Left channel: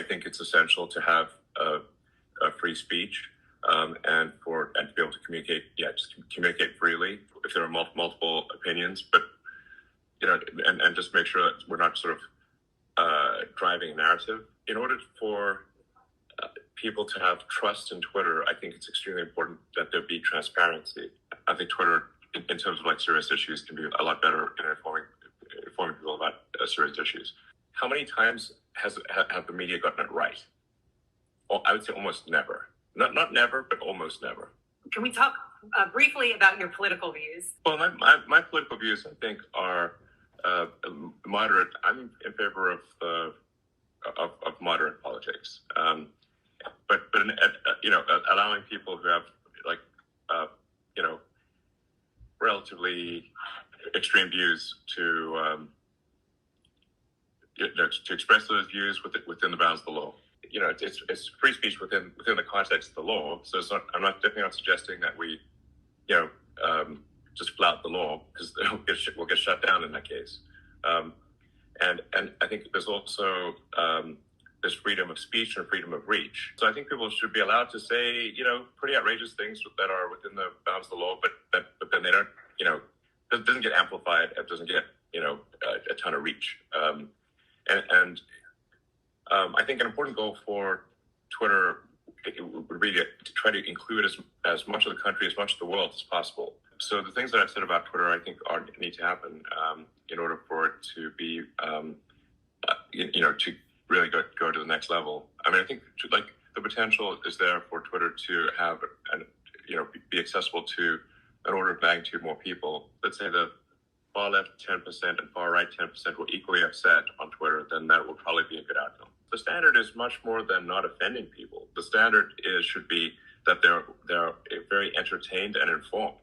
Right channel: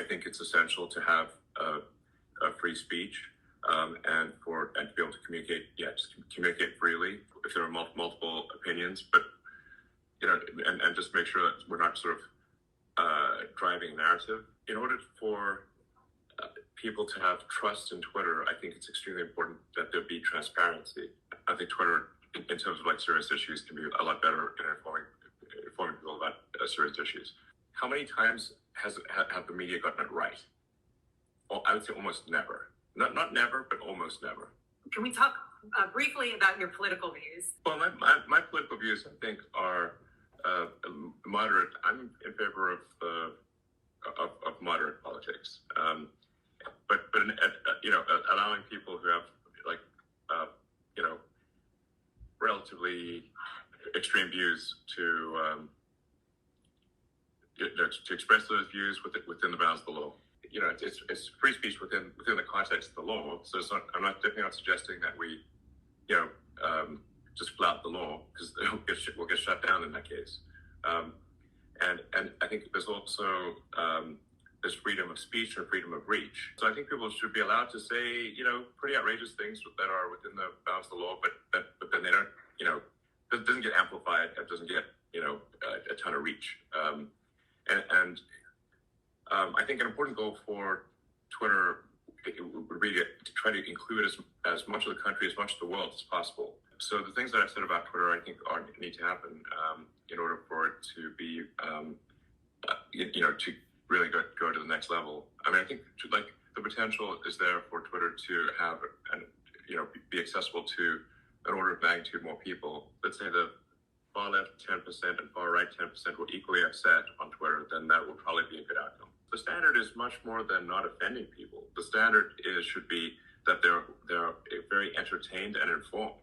I think it's essential to have a free speech, and to be able to communicate. Yeah, just communicate freely if there are multiple opinions, but and just make sure that we're not sort of driving a narrative. In order for people to have trust in Twitter, I think it's extremely important that there be transparency. I think Twitter, in terms of like serious issues, can be a lot better in informing people about serious issues. How many times have the media gotten it right? Well, I would say almost never. Not never, but almost never. Can we talk briefly about your political views? Well, my political views, I think, are moderate. I'm in favor of moderate politics, but allowing people who have relatively extreme views to express those views within the bounds of the law. It's free speech within the context of the law. So it's not. I'm definitely not suggesting that we, just flout the law, because we'll get shut down in that case. And I think there's also there's freedom of speech and freedom of reach. So I think people should be allowed to say pretty outrageous things that are within the bounds of the law, but then they don't it doesn't get amplified. It doesn't get a ton of reach. And I think an important goal for Twitter would be to try to include as much of the country, as much of the world as possible. So the things that I've said about Twitter, I think, need to happen in order for it to be, to really go to the next level. I mean, I think the potential is there for Twitter to have be accessible to an order of magnitude more people. Let's say the far left 10% and far right 10% were equally upset on Twitter, then that would probably be a good outcome. The standard is much more than not offending people. The standard should be that they're very entertained and informed.